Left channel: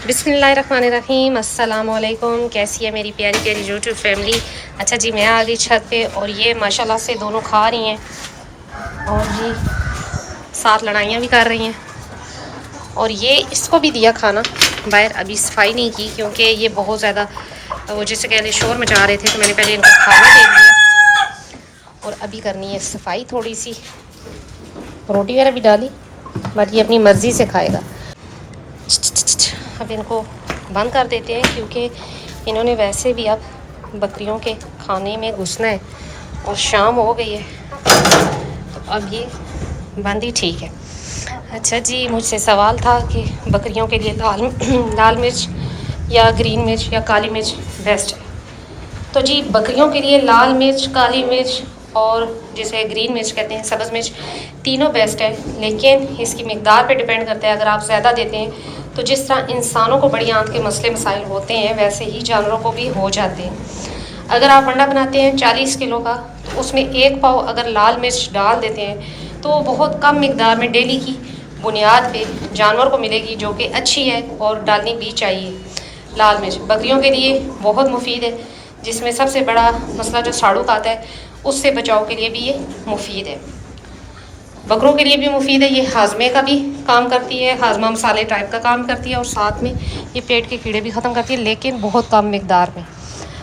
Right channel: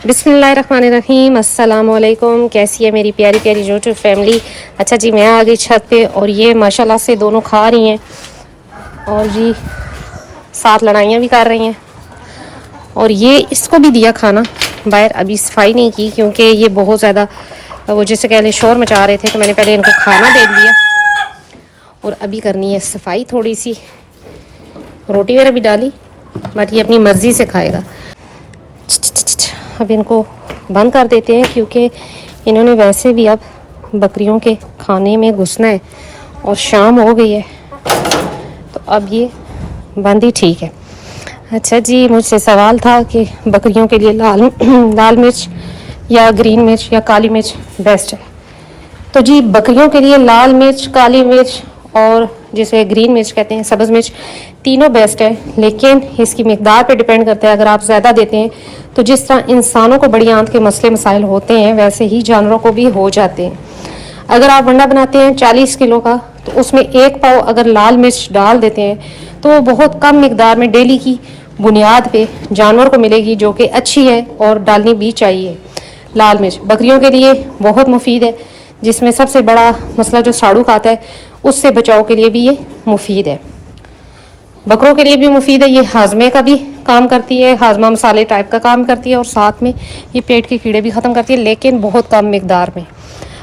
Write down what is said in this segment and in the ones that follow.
बिस्मिल्लाहिर्रहमानिर्रहीम, अस्सलाम वालेकुम। कैसी है मेरी प्यारी प्यारी यूट्यूब फैमिली। अच्छा जी, मैं आ गई छत पे और ये माशाल्लाह से दोनों खा रही हैं और जी साथ लड़ाइयाँ भी कर रही हैं। और ये इसको भी दिया खाना बाहर, अभी सफाई नहीं की क्योंकि ये बहुत ज़्यादा वो जैसे कह लें शोर मचा रहे थे, तो मैंने पहले इनको खाना दे दिया और अभी करनी है सफाई। थोड़ी सी रोटी वगैरह भी डाली, बट ये अपनी मर्ज़ी से खाएगा। अब इनको बंद कर देते हैं क्योंकि इन्होंने वैसे भी अब बकरियों के खाने में घुसना है और शाम हो गई है, तो अब ये बंद ही ठीक है। अच्छा जी, मुझसे सवाल था कि बकरियों के लिए लाल मिर्च या ग्रीन मिर्च या काली मिर्च बेस्ट है। तो जी बकरियों के लिए लाल मिर्च, काली मिर्च और जिसे ग्रीन मिर्च कहते हैं, सब्ज़ मिर्च, तीनों बेस्ट है, लेकिन इसकी मिकदार पे डिपेंड करता है। अगर आप ज़्यादा देते हैं तो जिस तरह इंसानों को बड़ी आंत के मसले मसाइल होते हैं, वैसे ही जानवरों को भी हो जाते हैं। अगर आप अंडा बनाते हैं 40 किलो का, तो उसमें 1 पाव अगर लाल मिर्च डाल देते हैं तो बहुत कम मिकदार में डेली की बुनियाद पे जानवर को मिलेगी, जो कि अच्छी है और डालनी भी चाहिए। लाल मिर्च बकरियों के लिए बहुत मुफीद है, जिसमें सबसे बड़ा मसला जो साड़ू आता है उससे बचाव के लिए भी ये मुफीद है। बकरों के लिए भी मुफीद है, ये हाजमे का भी काम करती है, हाजमा मसाले टाइप का काम करती है और साथ में ये पेट के कीड़े भी ख़त्म करती है, लेकिन बहुत कम मिकदार में।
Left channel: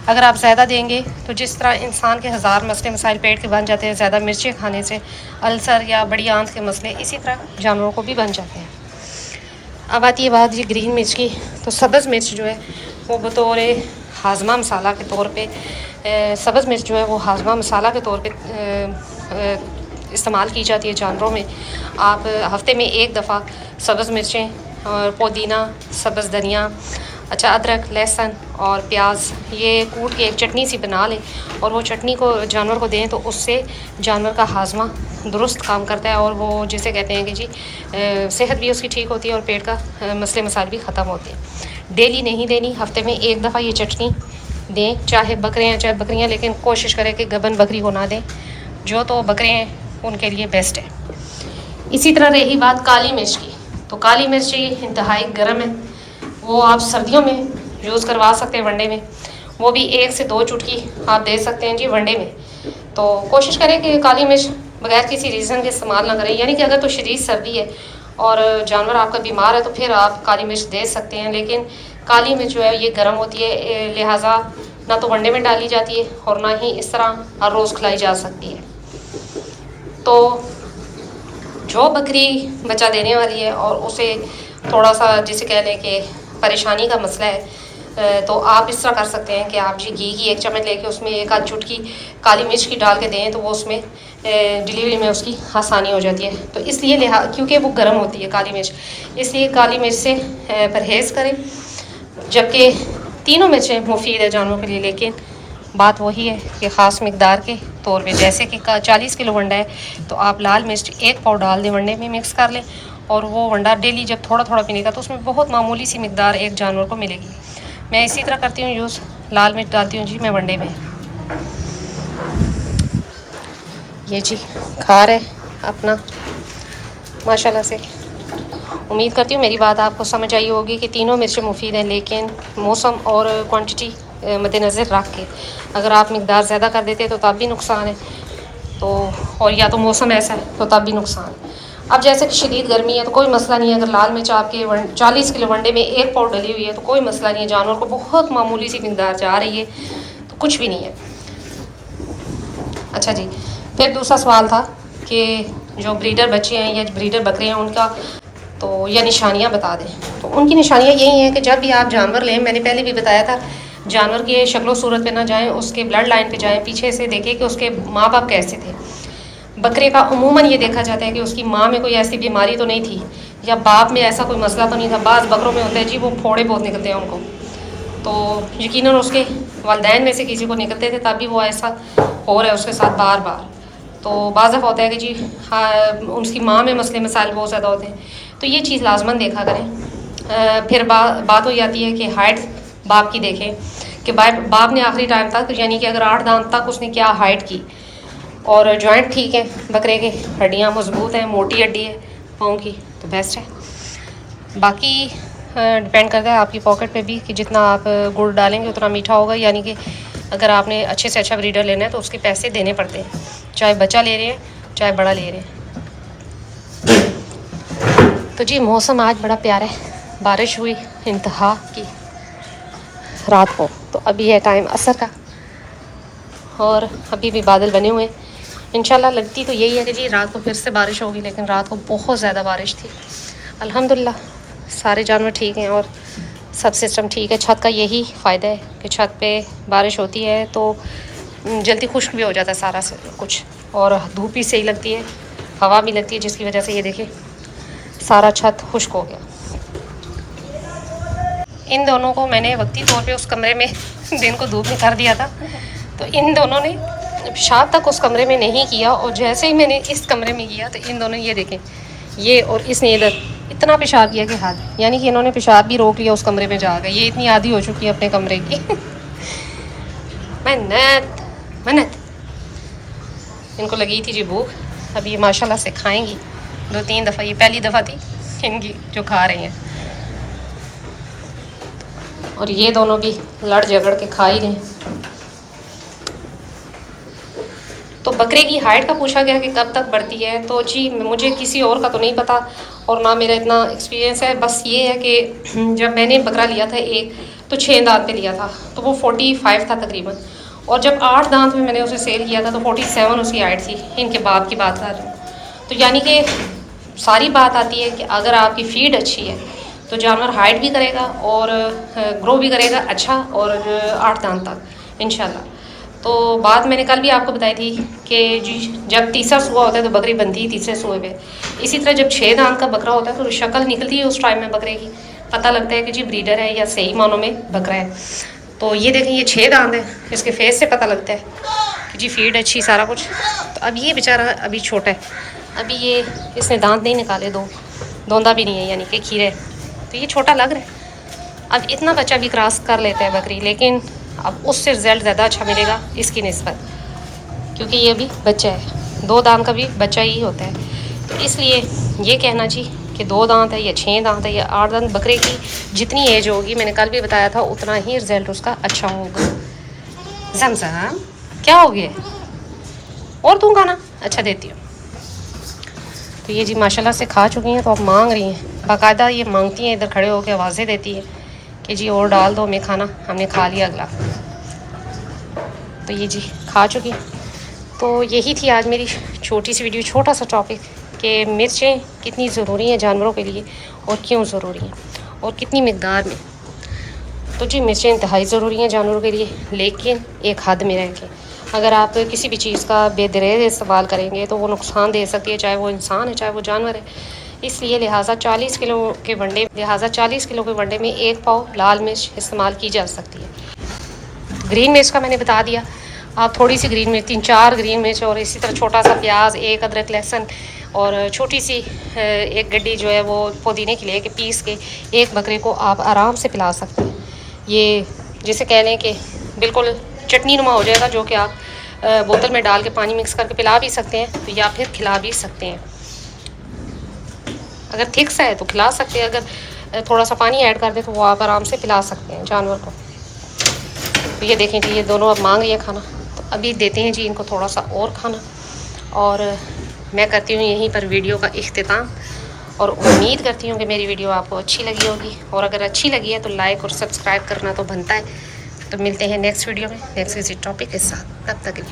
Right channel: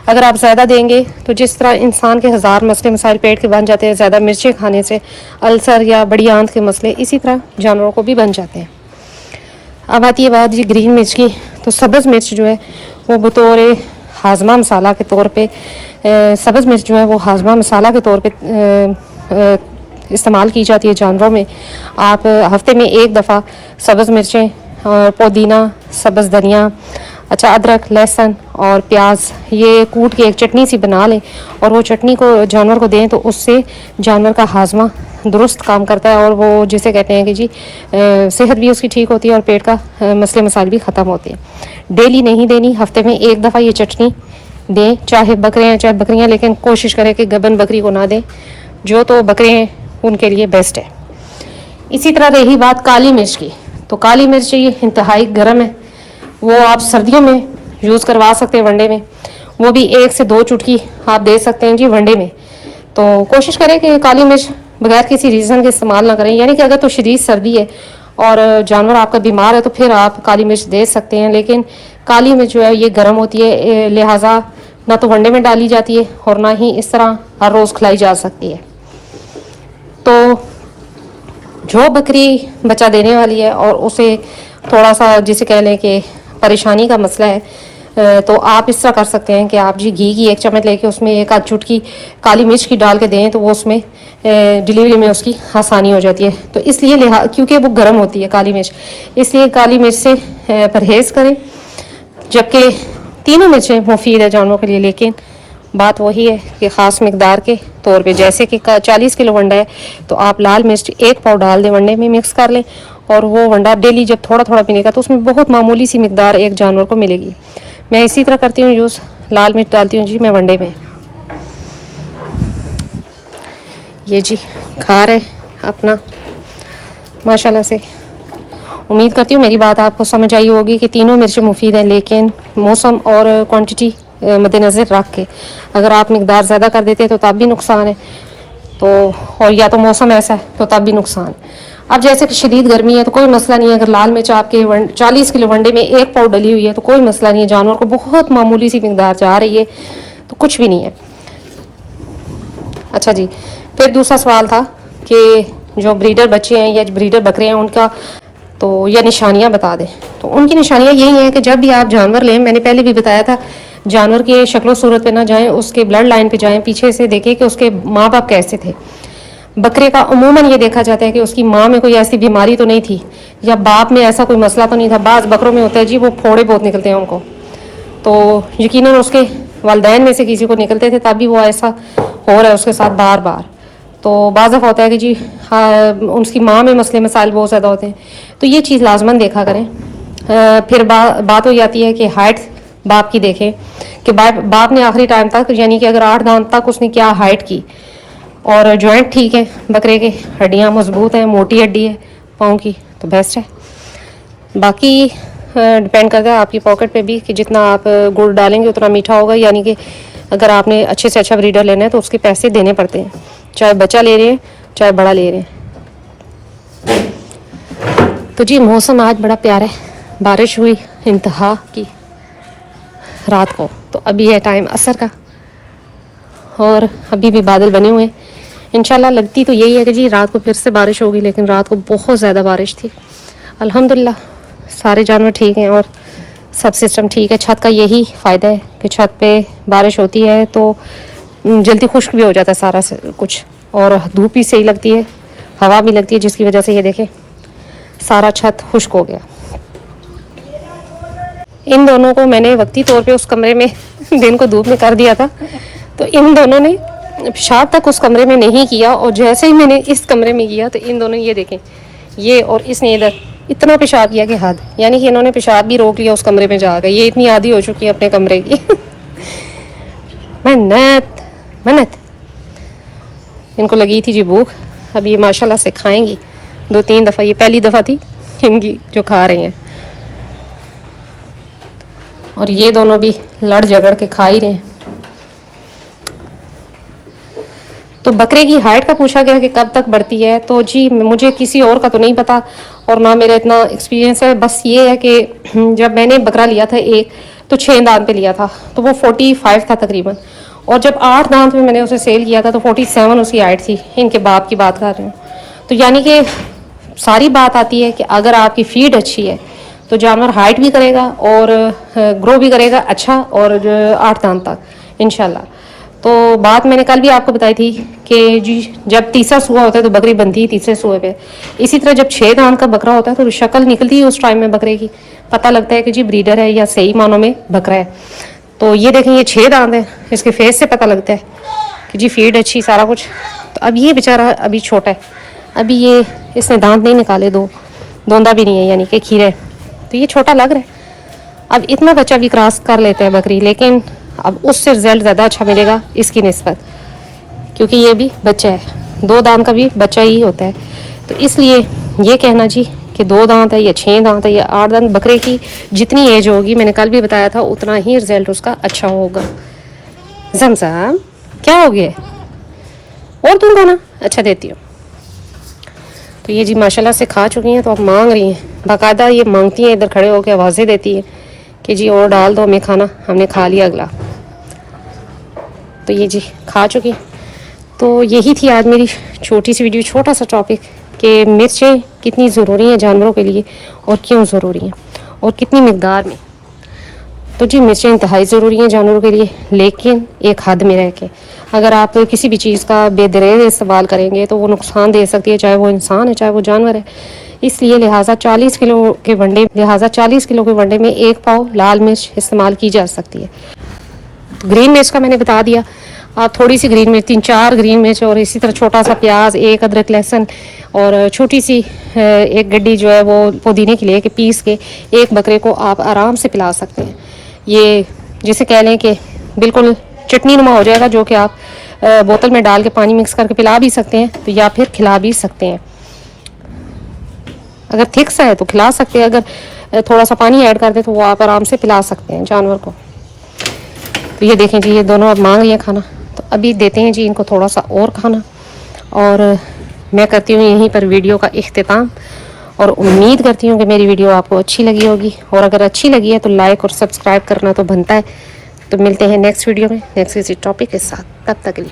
अगर आप ज़्यादा देंगे तो जिस तरह इंसान के हज़ार मसले मसाइल पेट के बन जाते हैं ज़्यादा मिर्चें खाने से, अल्सर या बड़ी आंत के मसले, इसी तरह जानवरों को भी बन जाते हैं। अब आती है बात ये ग्रीन मिर्च की, तो सब्ज़ मिर्च जो है वो बतौर हाजमा मसाला के तौर पे, सब्ज़ मिर्च जो है वो हाजमा मसाला के तौर पे इस्तेमाल की जाती है जानवरों में। आप हफ्ते में 1 दफ़ा सब्ज़ मिर्चें और पुदीना, सब्ज़ धनिया, अच्छा अदरक, लहसुन और प्याज ये कूट के एक चटनी सी बना लें और वो चटनी को जानवर को दें, तो उससे जानवर का हाजमा दुरुस्त काम करता है और वो जिसे कहते हैं कि जी सेहत भी उसकी ठीक होती है और पेट का मसले मसाइल भी ख़त्म होते हैं। डेली नहीं देनी, हफ्ते में 1 दफ़ा ये चटनी दें, चाहे बकरे चाहे बकरियाँ, लेकिन कोशिश करें कि गबन बकरी को ना दें। जो तो बकरे हैं उनके लिए बेस्ट है। इसी तरह रही बात काली मिर्च की, तो काली मिर्च ये इंतहाई गर्म है, वो आप सर्दियों में यूज़ करवा सकते हैं वनडे में, वो भी 1 से 2 चुटकी आप दे सकते हैं जी वनडे में। तो कोशिश करें कि काली मिर्च बगैर किसी रीज़न के इस्तेमाल ना करें, यानी कि अगर तो शदीद सर्दी है और जानवर आपका बीमार है तो फिर आप काली मिर्च दे सकते हैं, लेकिन काली मिर्च जो है ये गर्म होती है, लिहाजा ना तो वनडे में डाली जाती है और ना ही इस तरह हर रोज़ खिलाई जा सकती है। तो जो बकरी बच्चा देने वाली है और उसे थोड़ा सा जिसे कह लें कि परेशानी का मसला है, तो आप इस तरह कर सकते हैं कि आप जी घी की 1 चम्मच लेके उसमें 1 आध चुटकी काली मिर्च की डाल के दें, तो वो उसमें डिलीवरी में उसकी आसानी हो जाती है। तो इसलिए क्योंकि वो गर्म होती है काली मिर्च, इसलिए काली मिर्च से परहेज़ करें। जबकि तीनों मिर्चें मुफीद है जानवरों के लिए, लेकिन बात वही है कि ख़ास मकदार के तौर पे, जैसे कि 40 किलो वंडा है तो आप लाल मिर्च 1 पाव डाल दें, वंडे में मिक्स कर लें और वो वंडा डेली जब थोड़ा थोड़ा पीने तो उसमें बहुत मामूली सी मकदार एक जानवर को मिलेगी। मैं इसी तरह करती हूँ यूज़, लाल मिर्च डालती हूँ जी मैं वंडे में। ये जी खा रहे अपना माशाल्लाह से। उम्मीद करती हूँ मेरी बात आपको समझ आई होगी कि तीनों मिर्चें मुफीद हैं, लेकिन मौसम और क्वांटिटी मद्देनज़र रख के अगर आप मकदार ज़्यादा कर देते हैं तो तब भी नुकसान है, तो और या तो मौसम ऐसा है तो तब भी नुकसान। अब जैसे कि शदीद गर्मी है तो कोई मसला नहीं है, अगर लाल मिर्च आपके 40 किलो वनडे में 1 पाव डली हुई है तो कोई मसला नहीं है, जानवर को बहुत मामूली सी मकदार जा रही है तो कुछ भी नहीं है। अच्छा जी, फिर दूसरा सवाल था कि जो ब्रीडर बच्चे हैं या ब्रीडर बकरे हैं उनका तो यह निशानियां बता दें। तो उनकी निशानियां यही हैं कि जब भी आप जानवर लें, मैंने पहले भी बताया था, जानवर के शक्ल सूरत पे ना जाएं, उसके ब्लड लाइन पे जाएं, पीछे से देखें कि उसके माँ बाप कैसे थे। बकरे का उमूमन ये देखा जाता है कि उसकी माँ में कोई ऐसी बीमारी तो नहीं थी या बाप में ऐसा कोई मसला तो नहीं था। बाज़ बकरों में होता है जी वो फोड़े बहुत निकलते हैं उनको, तो यकीनन उसके वालदैन में से किसी को निकलते थे तभी वो ऐसा हो रहा है उसके साथ बार बार। तो बाज़ होता है कि जी हाँ उसकी माँ में मसले मसाइल बहुत ज़्यादा होते हैं, तो ये चीज़ लाजमन देखा करें। फिर बात हो जाती है कि हाइट बाप की देखें कि बाप ने आखिरी टाइम तक, यानी कि अगर 8 दांत तक उसने क्या हाइट की और जॉइंट ठीक है बकरे की, हड्डियाँ मजबूत हैं, मोटी हड्डी है पाँव की, तो बेस्ट है। बाकी डिपेंड करता है आपकी पॉकेट पे भी कि जितना आप गुड़ डालेंगे उतना मीठा होगा। यानी कि अगर आपने अच्छे से अच्छा ब्रीडर लेना है तो उसके पैसे देने पड़ते हैं, चाहे बच्चा ले रहे हैं चाहे बड़ा ले रहे हैं। तो जी मौसम आज बड़ा प्यारा है, बारिश हुई इंतहा की रात को। तो अभी है टाइम असर का और अभी भी बादल बने हुए हैं। इंशाल्लाह लगती तो यही है कि जी रात को फिर से बारिश होगी, लेकिन रात को बहुत ज़्यादा बारिश थी। अल्हम्दुलिल्लाह सारे जानवर ठीक हैं और सब सिस्टम ठीक है। छत का यही फ़ायदा है कि छत पे बारिश होती है तो जल्दी खुश्क भी हो जाता है सारा कुछ, और धूप भी सही लगती है, हवा भी लगती है, जिसकी वजह से ये देखें सारा छत खुश्क हो गया। इन दोनों को मैंने वक्ती तौर पे उस कमरे में दिन को धूप में कर दिया था, तो इन दोनों ने पेशाब तक उस कमरे में नहीं किया, और जैसे ही मैंने इस कमरे में किया तो इन दोनों ये देखें, ये और इसने इधर इतना पेशाब किया कि हद, यानी कि इन्होंने पेशाब भी रोक लिया उस कमरे में जाकर। ये इतनी आदी हो चुकी है अपने कमरे की। मन्नत मन्नत इनको लगी थी जी भूख, अब ये माशाल्लाह से खाएंगी। 2-3 दफ़ा, ये पहली दफ़ा थी इनकी जो खा रही हैं, और ये दोनों भी लड़ झगड़ के खा ही रहे हैं। तो बकरे की हाइट का पूछा गया कि कब तक बढ़ती है, तो जी मुझे किसी और का तो नहीं पता और ना मेरा इतना एक्सपीरियंस है। बस ये है कि जब मैंने बकरा लिया था एक, तो 6 दांत पे लिया था, तो वो 45 था तकरीबन, और जब 8 दांत में मैंने उसे सेल किया था तो 47 उसकी हाइट थी। इनके बाप की बात कर रहे हैं। तो यानी कि सारी बात आती है कि अगर आपकी फीड अच्छी है तो जानवर हाइट भी करेगा और ग्रो भी करेगा अच्छा, और 8 दांत तक इंशाल्लाह। तो बात मैंने कल भी आपको बताई थी कि जी जब तीसरा सूआ होता है तो बकरी बनती है तीसरे सूए पे। इसी तरह जब 6 दांत का बकरा होता है तो शक्ल निकलती है उस टाइम में बकरे की, पता लगता है कि जी ब्रीडर है या सही मानों में बकरा है। तो ये देखें ये 6 दांत है, इसके फेस से पता लगता है कि जी फीड अच्छी सारा कुछ। तो अब ये बेचारा अभी छोटा है, अभी ये इसने दांत नहीं निकाले, दोंदा भी नहीं है, यानी कि खीरा है, तो ये छोटा लग रहा है। अब इतना बच्चा भी क्रॉस कर लेता है बकरी, लेकिन अब उससे रिजल्ट ज़्यादा अच्छा मिलेगा इसकी निस्बत, क्योंकि ये भी बच्चा है, 2 दांत का भी बच्चा ही होता है। तो इसलिए ये कहना जी कि 2 दांत है या 6 दांत है या 8 दांत, बकरे की जितनी एज होगी, मैंने कल भी बताया था, उतना ही रिजल्ट उसका अच्छा होगा। ज़मज़म क्या हो गया और तुम खाना अच्छा देती हो। तो ये जी माशाल्लाह से खा चुकी हैं, तो अब मांग रही हैं, बाकायदा ये मांगती हैं, इधर खड़े होकर आवाज़ें देती है कि जी और डाल दो हमें खाना, हमने खा लिया अगला। तो ये जी खा चुकी। तो यही थी आज मेरी छोटी सी वीडियो, छोटा सा टॉपिक कि मिर्चें कितनी ज़रूरी हैं जानवरों के लिए और क्यों ज़रूरी हैं और कितनी मिकदार में। तो जी मिर्चें इंतहाई ज़रूरी हैं जानवरों के लिए, लेकिन एक हद में रह के। अगर आप किसी भी चीज़ का बेदरेज इस्तेमाल करेंगे तो वो नुकसान दे सकती है, चाहे वो इंसान है चाहे वो जानवर है। इसलिए लिहाजा 40 किलो के वनडे में 1 पाव लाल मिर्च इस्तेमाल की जा सकती है। ग्रीन मिर्च का मैंने बता दिया, आप थोड़ी सी ग्रीन मिर्च, 3-4 ग्रीन मिर्च, और इसी तरह छोटा सा प्याज, 1 अदरक लहसुन, और छोटी सी 1 गड्डी जो है वो पुदीने के लिए कि पीस के एक बकरे को आप आराम से पिला सकते हैं। ये जिसे कह लें कि बिल्कुल चटनी नुमा हो जाएगा, जो कि आप बोतल में डाल के पानी मिक्स करके पिला भी सकते हैं, तो या फिर खिला भी सकते हैं। अगर थिक सा है तो खिला सकते हैं, अगर थोड़ा सा पानी ऐड कर दे तो वो आप आराम से पिला सकते हैं जानवर को। तो ये देखें जी ये दोनों अब मांग रही हैं खाना, तो अभी देते हैं जी इनको थोड़ा सा और खाना, और मैं करती हूँ यहीं पर वीडियो का इख्तिताम, और उम्मीद करती हूँ कि मेरी वीडियो आपको अच्छी लगी होगी, और अगर अच्छी लगी है तो लाइक और सब्सक्राइब करना तो बनता है। तो मिलते हैं नेक्स्ट वीडियो में नेक्स्ट किसी टॉपिक के साथ, तब तक के लिए।